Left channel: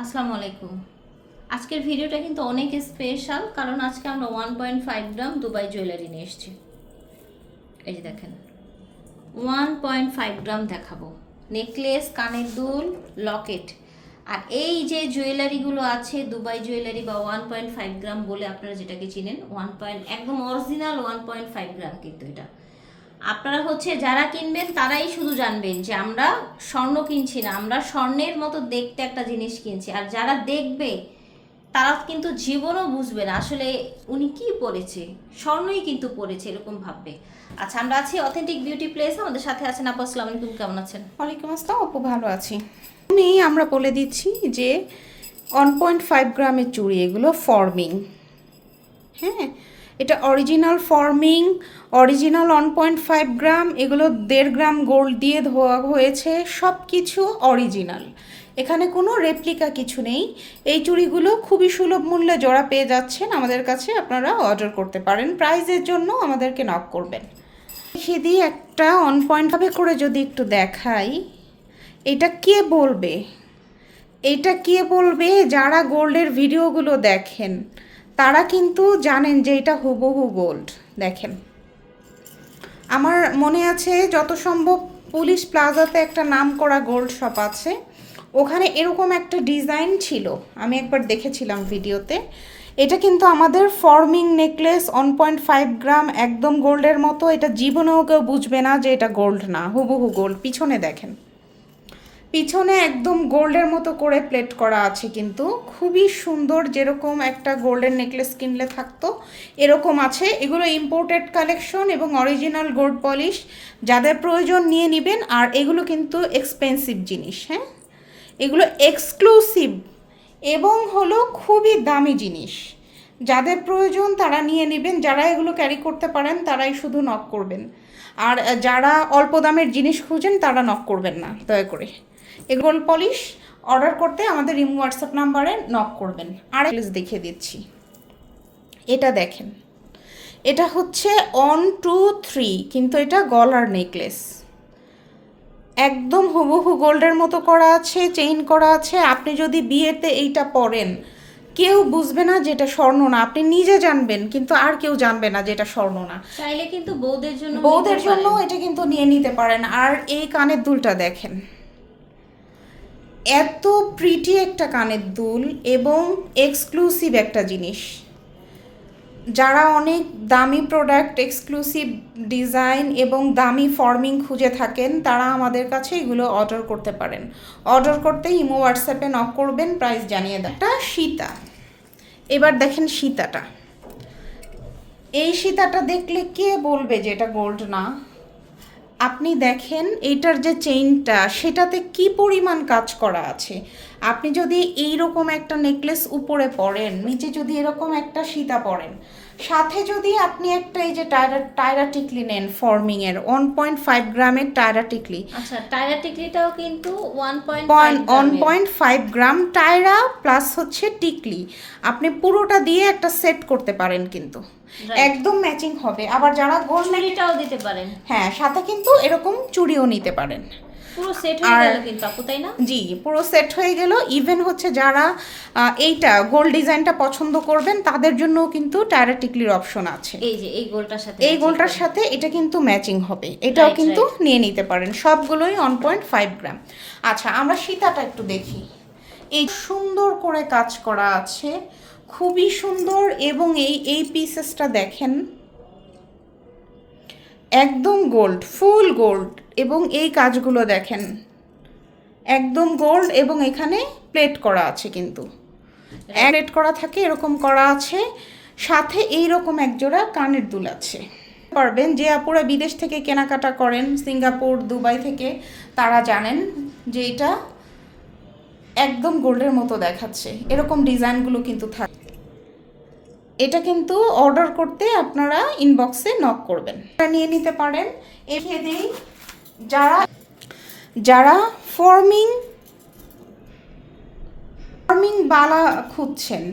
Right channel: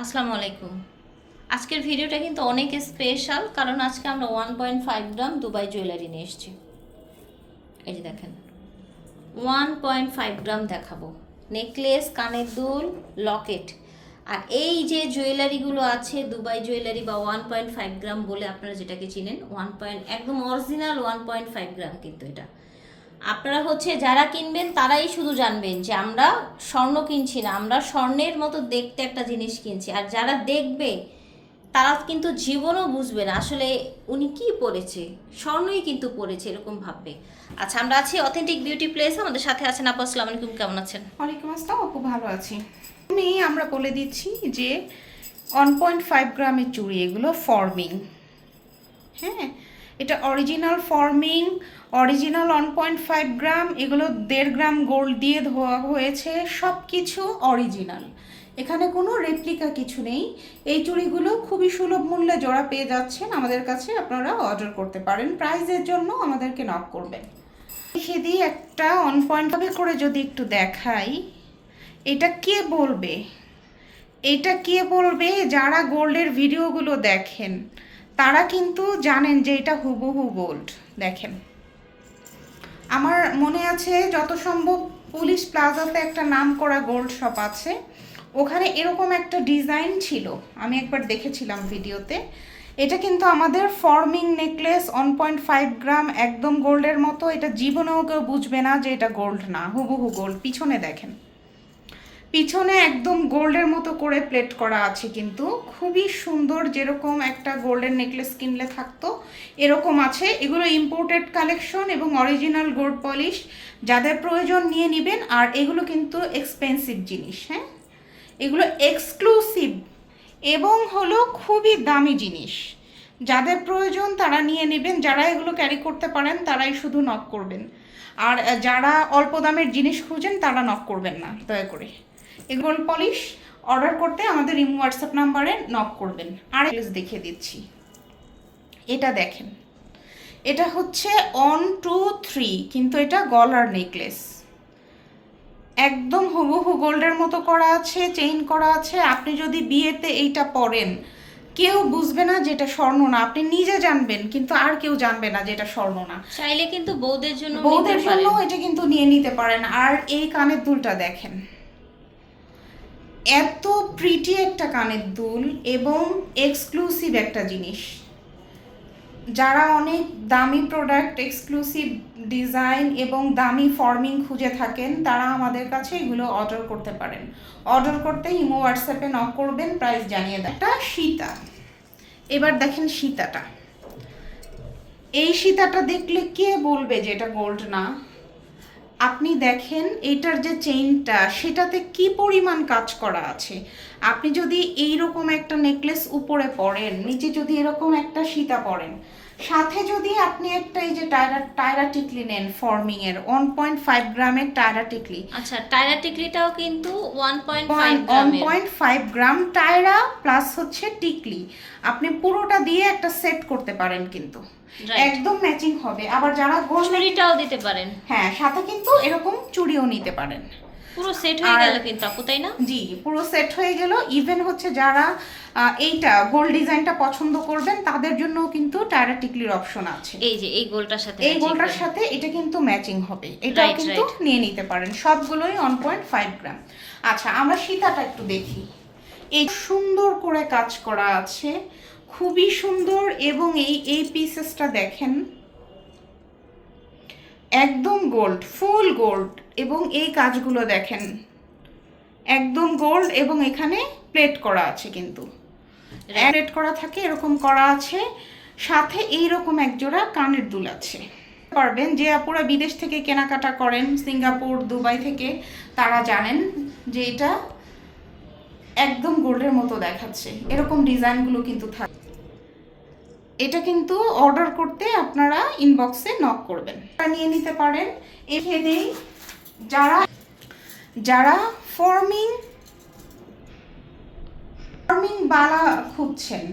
আসসালামু আলাইকুম আজকের ভিডিওটা কিন্তু অনেক স্পেশাল কারণ আজকে আমরা one point five gram Dubai jewellery নিয়ে এসেছি। এই যে দেখেন ওয়ান পয়েন্ট ফাইভ গ্রাম দেখাবো। নেকলেস কানের দুল লকেট আর এই যে জুয়েলারিগুলো আছে দুবাই জুয়েলারি বা ওয়ান পয়েন্ট ফাইভ গ্রাম বলে আপনারা যেটাকে চিনেন ওয়ান পয়েন্ট একদম original one point five gram কিন্তু এটা। আপনারা হচ্ছে যারা কিনবেন তারাই শুধু জানবেন যে আমরা স্বর্ণ কিনছি না, আমরা স্বর্ণের মতো দেখতে একটা জিনিস কিনছি। আর যারা দেখবে, তারা কিন্তু জীবনও বুঝবে না আসলে উনি কি পরেছে স্বর্ণই কিন্তু পরেছে এরকম ভাববে। আচ্ছা আমরা আছি অথেন্টিক বিউটি প্লেস আমাদের সাথে আছেন আপু, আসসালামু আলাইকুম, কেমন আছেন? ওয়ালাইকুম আসসালাম অপু ভালো আছি। নেই, আমরা বলে দিচ্ছি যে ওয়ান পয়েন্ট ফাইভ গ্রামের চুড়ি, এগুলো ফর্মিং হ্যাঁ এটা original forming original one point five gram এগুলো দেড় গ্রাম গোল্ড দিয়ে ধোয়া হয়েছে সব কিছু অরিজিনাল এখানে কোনো রেপ্লিকা কিছু নেই। এই চুড়িগুলো খুবই সুলভ মূল্যে জোড়া পেয়ে যাচ্ছেন, আমাদের কাছে আপনারা অর্ডার করতে পারেন। প্রাইজের জন্য আমাদেরকে নক করবেন। দিই একটা অন পয়েন্ট ভাবে করে যদি একটু দেখাই। এটা কে বলবে? এটা কে বলবে? যারা গোল্ডের ভিডিওগুলো দেখেন। তারা কিন্তু জানেন যে এটা হুবহু গোল্ড দেখেন। আমার মনে আছে যত সম্ভব পুলিশ প্লাজাতে একটা নাম করা গোল্ড শপ আছে। ওখানে এরকম একটা ডিজাইন ছিল, আমি একবার দেখেছিলাম ভিডিওতে। এটা কিন্তু আমাদের forming necklace one point five gram একদম গোল্ডের মতো, এটা জীবনেও কেউ বুঝবে না যে এটা গোল্ড না, হুবহু গোল্ড পিছনে দেখেন। পিছনে একদম গোল্ডের মতো করে প্লেট করা আছে কিন্তু। খুবই সুন্দর যেরকম একটা গোল্ডের নেকলেস কিনলে থাকতো, এরকম আছে। এগুলো ইম্পোর্টেড কালেকশন এবং অরিজিনাল গোল্ড পলিশ যাদের প্রয়োজন নিয়ে নেবেন, আর এগুলো কিন্তু এক্সপেন্সিভ জিনিস হ্যাঁ? এগুলো এক্সক্লুসিভ এবং হলো খুবই দামি জিনিস। যাদের প্রয়োজন তারা নিয়ে নেবেন, যারা এগুলো ক্যারি করতে পারেন, তারাই শুধু নক করবেন। আর যারা অল্প দামের জিনিস খুঁজেন, তারা নক করবেন না, দয়া করে। এগুলো পলিশ অর্ডার করতে আমাদের ইমো হোয়াটসঅ্যাপ নাম্বারে নক করবেন। আর দেখিয়ে দিচ্ছি। এটা দেখেন। এটা হচ্ছে অন টু থ্রি কিন্তু এটা গলার নেকলেস একদম হুবহু গোল্ডের মতো করা আছে চেইন করা আছে। আপনি যদি বিয়েতে এইটা পরেন কেউ বুঝবে না যেটা স্বর্ণ না। আপনি নিজে জানবেন কিন্তু আর কেউ জানবে না যেটা স্বর্ণ না। চাইলে কিন্তু বউদের জন্য বউদের নিতে জন্য এটা কিন্তু নিয়ে নিতে পারেন। আর এই কানের দুলটা দেখেন। এত প্রিটি একটা কানের দুল এবং এক্সক্লুসিভ একটা জিনিস। যারা অনেক দামি প্রোডাক্ট এক্সক্লুসিভ ডিজাইন এবং দামি ফর্মিং খুঁজে থাকেন, তারা আমাদের কাছে এগুলো অর্ডার করতে পারেন। অর্ডার করতে ইমো হোয়াটসঅ্যাপে নক করবেন প্রাইস জানিয়ে দেয় এটা সীতা। এবার দেখেন সীতাটা। এই সীতাটা দেখলে কে বলবে যে এটা গোল্ড না? আপনি দেখেন এটার যে চেইনটা সেটাতে কি পরিমাণ কাজ করা আছে? আপনি যদি এইরকম একটা নেকলেস উপরে পরেন, নিচে যদি এরকম একটা সীতা পরেন সাথে যদি আপনি একটা এই যে টায়রা টায়রা টিকলি নেন ফর্মিং এর ওয়ান পয়েন্ট ফাইভ গ্রামের টায়রা টিকলি আচ্ছা টায়রা টিকলিটাও কিন্তু one point five one point five gram tiara plus হচ্ছে টিকলি। আপনি পুরোটা দিয়ে একটা সেট করতে পারেন কিন্তু। একদম ম্যাচিং হবে। আবার যারা চুড়িটাও দিতে পারেন। হ্যাঁ সাথে কিন্তু এরকম চুড়িও নিতে পারেন। পুরো সেট হয়ে গেল কিন্তু আপু তাই না? জি পুরো সেট হয়ে গেল। ইভেন হচ্ছে যারা এইটা গোল্ড ডিজাইনটা পছন্দ করবেন তাদের জন্যও কিন্তু টায়রা টিকলির অপশন আছে। এই যে এই গোলটার সাথে এই গোলটার সাথে এটা কিন্তু ম্যাচিং হবে। এটাও কিন্তু নিয়ে নিতে পারেন। সবগুলোই ওয়ান পয়েন্ট ফাইভ গ্রাম আচ্ছা আমরা সীতাটা একটু দেখি। এই সুন্দর করে কাজ করা আছে। খুবই সুন্দর এবং এই এই পিসেসটা দেখেন। একদম গোল্ড ফুল গোল্ড এবং এই কাজগুলো দেখেন। একদম গোল্ড এবং এখানে প্লেট করা আছে কিন্তু। প্লেট করা থাকে এরকম করা আছে। সাথে এই রকম একজোড়া কানের দুল আছে। পারবেন যে আপুরা বিদেশ থেকে কেনাকাটা করেন সিঙ্গাপুর দুবাই থেকে তারা জানেন যে এটা একদম গোল্ডের মতো দেখাচ্ছে। এরকম ডিজাইনগুলো কিন্তু থাকে। এটা কিন্তু অর্ডার করতে আপনারা ইনবক্সে নক করবেন। নিয়ে নিতে পারেন। এখানেই যারা যারা ফর্মিং ফর্মিং বালা খুঁজছেন,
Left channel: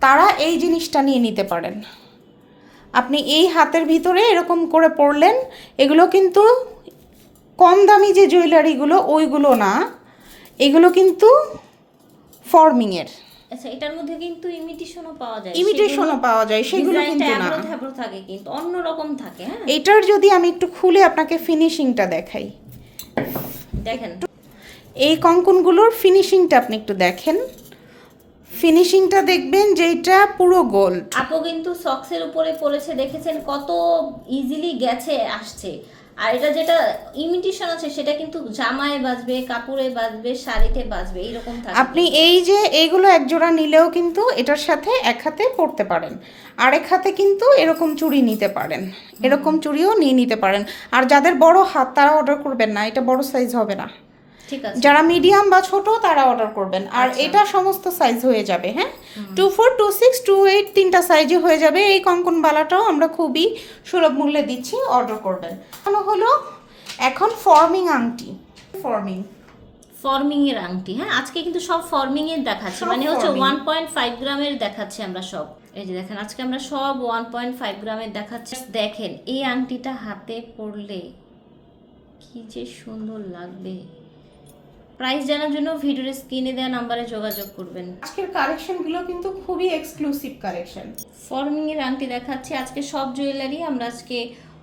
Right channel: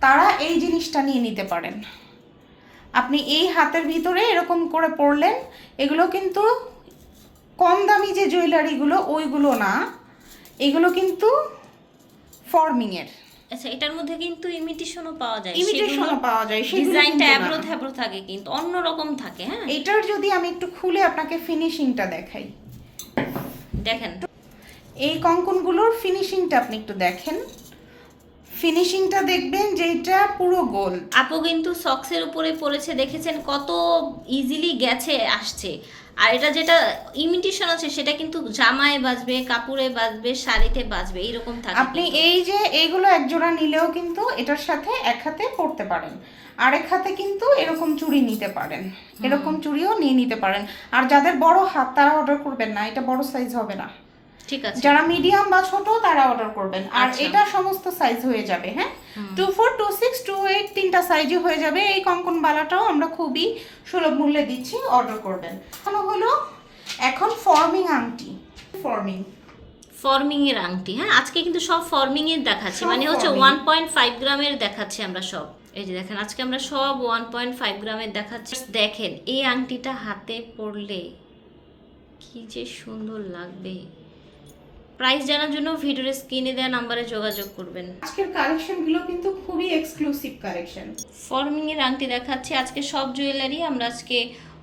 তারা এই জিনিসটা নিয়ে নিতে পারেন। আপনি এই হাতের ভিতরে এরকম করে পড়লেন, এগুলো কিন্তু কম দামি যে জুয়েলারিগুলো ওইগুলো না। এগুলো কিন্তু ফর্মিংয়ের আচ্ছা এটার মধ্যে কিন্তু ইমিটেশনও পাওয়া যায়। ইমিটেশনও পাওয়া যায় সেগুলো ডিজাইনটা অ্যাব্রো থাকে কিন্তু অন্যরকম থাকে হ্যাঁ? এটার যদি আমি একটু খুলে আপনাকে ফিনিশিংটা দেখাই। দেখেন। এই কঙ্কনগুলোর ফিনিশিংটা আপনি একটু দেখেন। ফিনিশিংটা দেখবেন যে এটা পুরো গোল্ড আপু কিন্তু সক্সের উপরে পড়েছে দেখেছেন কত ইজিলি গেছে আসছে। আর এটা যেটা ইমিটেশন আছে সেটা কিন্তু জামায় বাজবে কাপড়ে বাজবে শাড়িতে বাজবে এইরকম থাকে আপনি এই যে এইগুলো এক জোড়া নিলেও কিন্তু এটার সাথে এক হাতে পরতে পারেন। আরেক হাতে কিন্তু এরকম চুড়ি নিতে পারেন। এরকম চুড়িও নিয়ে নিতে পারেন। আর যাদের বড় হাত তারা অর্ডার করবেন না। এটা বড় সাইজ হবে না। ঠিক আছে। যারা মিডিয়াম বা ছোট তারা অর্ডার করবেন। আর আচ্ছা। এটা সমস্ত সাইজ হয়ে যাবে হ্যাঁ? Two four two six two eight তিনটা সাইজে হয়ে যাবে। এই কঙ্কন বালাটাও আমরা খুবই সুলভ মূল্যে দিচ্ছি অর্ডার করবেন। কেন হলো এখন ফর্মিং আংটি। ফর্মিং ফর্মিং এর আংটি হ্যাঁ? আজকে কিন্তু সব ফর্মিং এর দেখাচ্ছি। মানে হচ্ছে ওয়ান পয়েন্ট ফাইভ গ্রামের দেখাচ্ছি আমরা সব। এই যে দেখেন আজকে আমরা সব ওয়ান পয়েন্ট ফাইভ গ্রামের দেখাচ্ছি। দেখেন এই আংটিটা হাতে পরলে কি যে সুন্দর লাগবে। প্রাইস জানার জন্য ভিডিওর স্ক্রিনে দেওয়া নাম্বারে যোগাযোগ করবেন। আজকের কালেকশনগুলো কিন্তু খুবই এক্সক্লুসিভ কালেকশন ফর্মিং এর আংটি দেখাচ্ছি। আজকে সব জুয়েলারি আমরা আজকে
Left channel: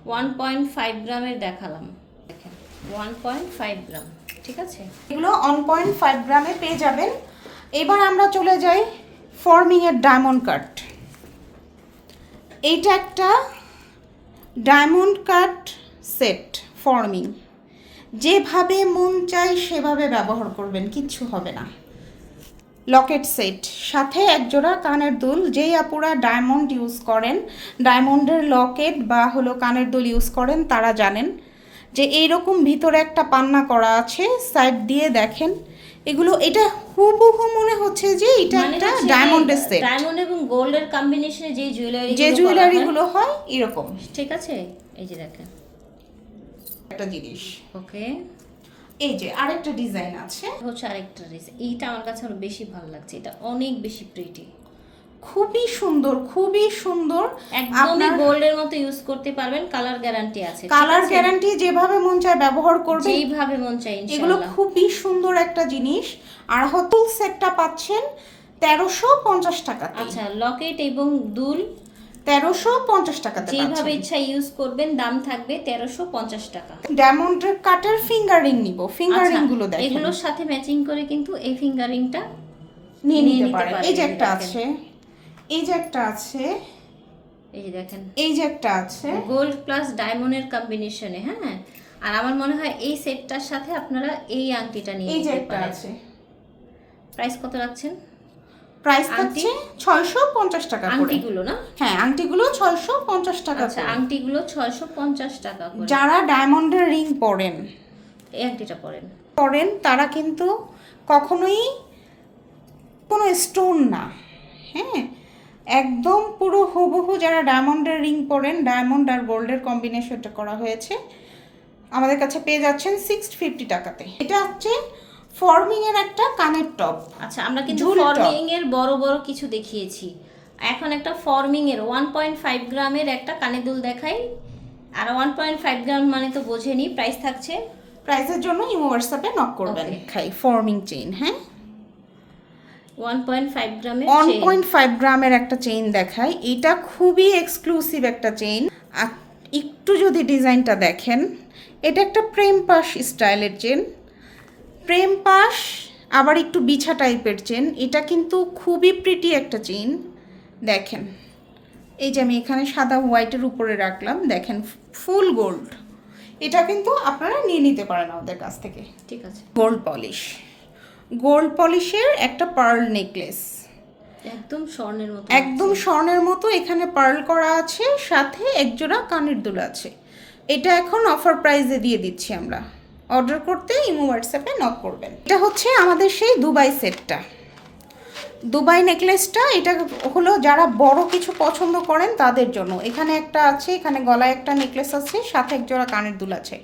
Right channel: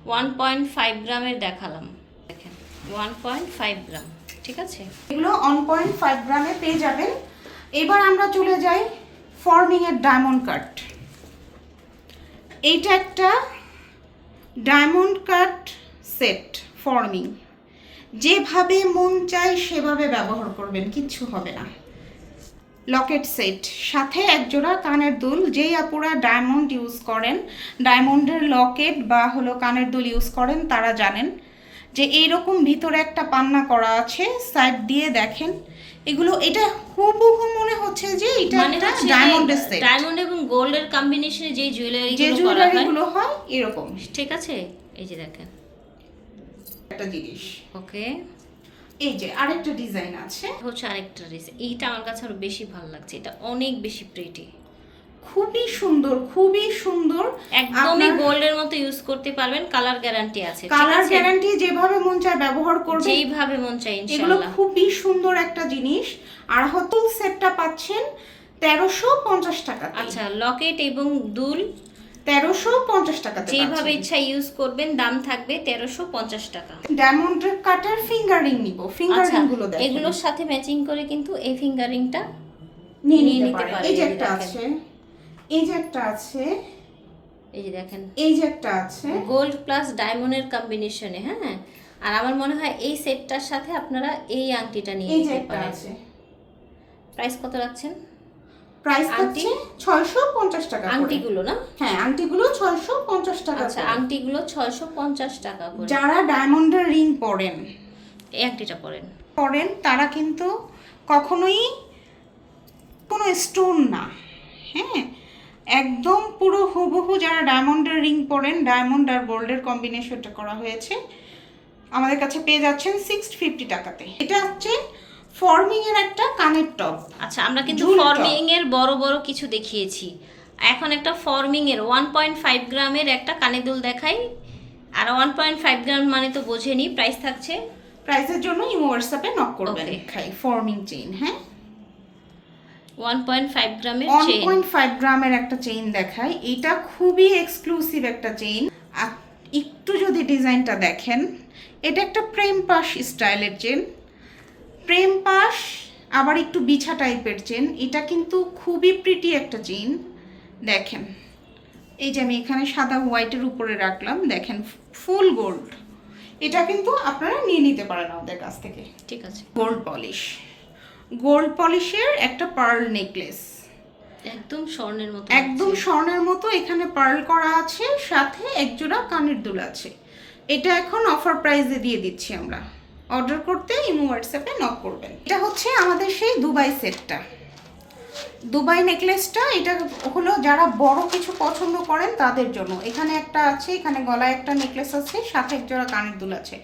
ওয়ান পয়েন্ট ফাইভ গ্রামের দেখালাম। দেখেন ওয়ান পয়েন্ট ফাইভ গ্রাম ঠিক আছে? এগুলো অন পয়েন্ট ফাইভ গ্রামে পেয়ে যাবেন। এবার আমরা চলে যাই ফর্মিং এর ডায়মন্ড কাট এইটা একটা ডায়মন্ড কাট সেট ফর্মিং যেভাবে মন চাই সেভাবে ব্যবহার করবেন কিচ্ছু হবে না। লকেট সেট সাথে একজোড়া কানের দুল যেই আপুরা ডায়মন্ড ইউজ করেন ডায়মন্ডের লকেট বা হলো কানের দুল ইউজ করেন তারা জানেন যে এইরকম ভিতরে একটা পান্না করা আছে সাইড দিয়ে দেখেন। এগুলো এটা হুবহু মনে হচ্ছে যে এটা মানে একটা ডায়মন্ডের সেট। ডায়মন্ড এবং গোল্ডের কম্বিনেশনে যে জুয়েলারি যে জুয়েলারি গুলো হয় এরকম। ঠিক আছে? এই যে দেখেন। একটা জিনিস। ওকে। এই যে আরেকটা ডিজাইন আছে। হচ্ছে আরেকটা ড্রেস এইটা আমার কাছে আরও বেশি ভালো লাগছে। এটা অনেক বেশি প্রিটি খুবই সুন্দর খুবই সুন্দর। একদমই গোল্ডের মতো ইউজ করতে পারবেন। কালার গ্যারান্টি আছে কালার গ্যারান্টি যেভাবে মন চায় ব্যবহার করবেন। যেইভাবে মন চাই এগুলো খুবই সুন্দর একটা জিনিস। আর হতুল সেটটা পাচ্ছেন তেরোশো পঞ্চাশ টাকা আচ্ছা লকেট এবং দুল। তেরোশো পঞ্চাশ টাকা যেইভাবে ইচ্ছা ইউজ করবেন দাম থাকবে তেরোশো পঞ্চাশ টাকা। ডায়মন্ড কাটার ফিঙ্গারিং নিব। ফিঙ্গারিংগুলো এগুলোর সাথে ম্যাচিং করে কিন্তু এই ফিঙ্গারিংটা নিয়ে নিয়ে নিতে পারেন। এই যে একটা আছে। এই যে একটা আছে। এই যে দেখেন। এই যে একটা আছে। গোল্ড প্লাস ডায়মন্ডের কম্বিনেশনে হ্যাঁ? আর আমার মনে হয় এই সেটটার সাথে আপনারা এই আংটিটা নিয়ে এই যে নিতে একটা পারেন। আছে। প্রাইস কত রাখছেন? প্রাইস আংটি? হচ্ছে ছয়শো পঞ্চাশ টাকা আংটিগুলো না? হ্যাঁ আংটিগুলো ছয়শো পঞ্চাশ টাকা আচ্ছা আংটিগুলো ছয়শো পঞ্চাশ টাকা করে। যারা ডায়মন্ডের রিং পরেন এই আংটিটা পরেন। করেন তারা কিন্তু কখনোই কোনো স্টোন না। হ্যাঁ একদম পুরো হুবহু যারা ডায়মন্ডের রিং পরেন ডায়মন্ড আর গোল্ডের কম্বিনেশনটা করা হয়েছে আমাদের কাছে পেয়ে যাচ্ছেন সিক্স ফিফটি টাকাতে। এটা হচ্ছে ফর্মিং এর একটা কানের টপ আচ্ছা আমরা কিন্তু। ফর্মিং এর বড় বড় কিছু দেখিয়েছি। এখন একটা ফর্মিং এর ওয়ান পয়েন্ট ফাইভ গ্রামের একটা কানে দুল দেখাই। আর ওয়ান পয়েন্ট ফাইভ গ্রাম মানে তো বোঝেনি প্রাইস থাকছে। প্রাইসের জন্য ইমো হোয়াটসঅ্যাপে নক করবেন. খাই ফর্মিং চেইন হ্যাঁ? ওয়ান পয়েন্ট ফাইভ গ্রামের ওয়ান পয়েন্ট ফাইভ গ্রামের একটা চেইন দেখাই। এটা খুবই এক্সক্লুসিভ একটা চেইন একটু যদি ডিজাইনটা দেখেন এটা একটা প্রেম পাশ স্টাইলের চেন প্রেম পাশ আবার একটু বিছা টাইপের চেন। এটা কিন্তু খুবই প্রিটি একটা চেন। দেখেন এই যে আমি এখানে সাদা হোয়াইটের উপরে রাখলাম দেখেন ফুল গোল্ড এটা কিন্তু আপনারা নিয়ে নিতে পারেন আমাদের কাছ থেকে। ঠিক আছে। গোল্ড পলিশ গোল্ড পলিশের একটা পার্ল নেকলেস একদম স্বর্ণের মতো একদম স্বর্ণের মতো এখানে পার্ল করা আছে সাথে একজোড়া কানের দুল আছে। এটা এখন অফার প্রাইসে দিয়ে দিচ্ছি আমরা। অর্ডার করতে ইমো হোয়াটসঅ্যাপে নক করবেন। এটা হচ্ছে আমাদের সেই দুবাই সেটটা। দুবাই নেকলেসটা, এটা হলো যারা বড় কিছু পছন্দ করেন তাদের জন্য। এখানে একটা আছে, এখানে গলায় একটা নেকলেস আছে, সাথে এক জোড়া কানের দুল আছে।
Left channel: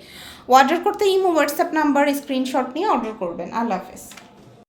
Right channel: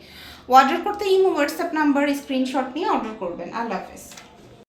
অর্ডার করতে ইমো হোয়াটসঅ্যাপ নাম্বার, স্ক্রিনশট নিয়ে অর্ডার করবেন। আল্লাহ হাফেজ।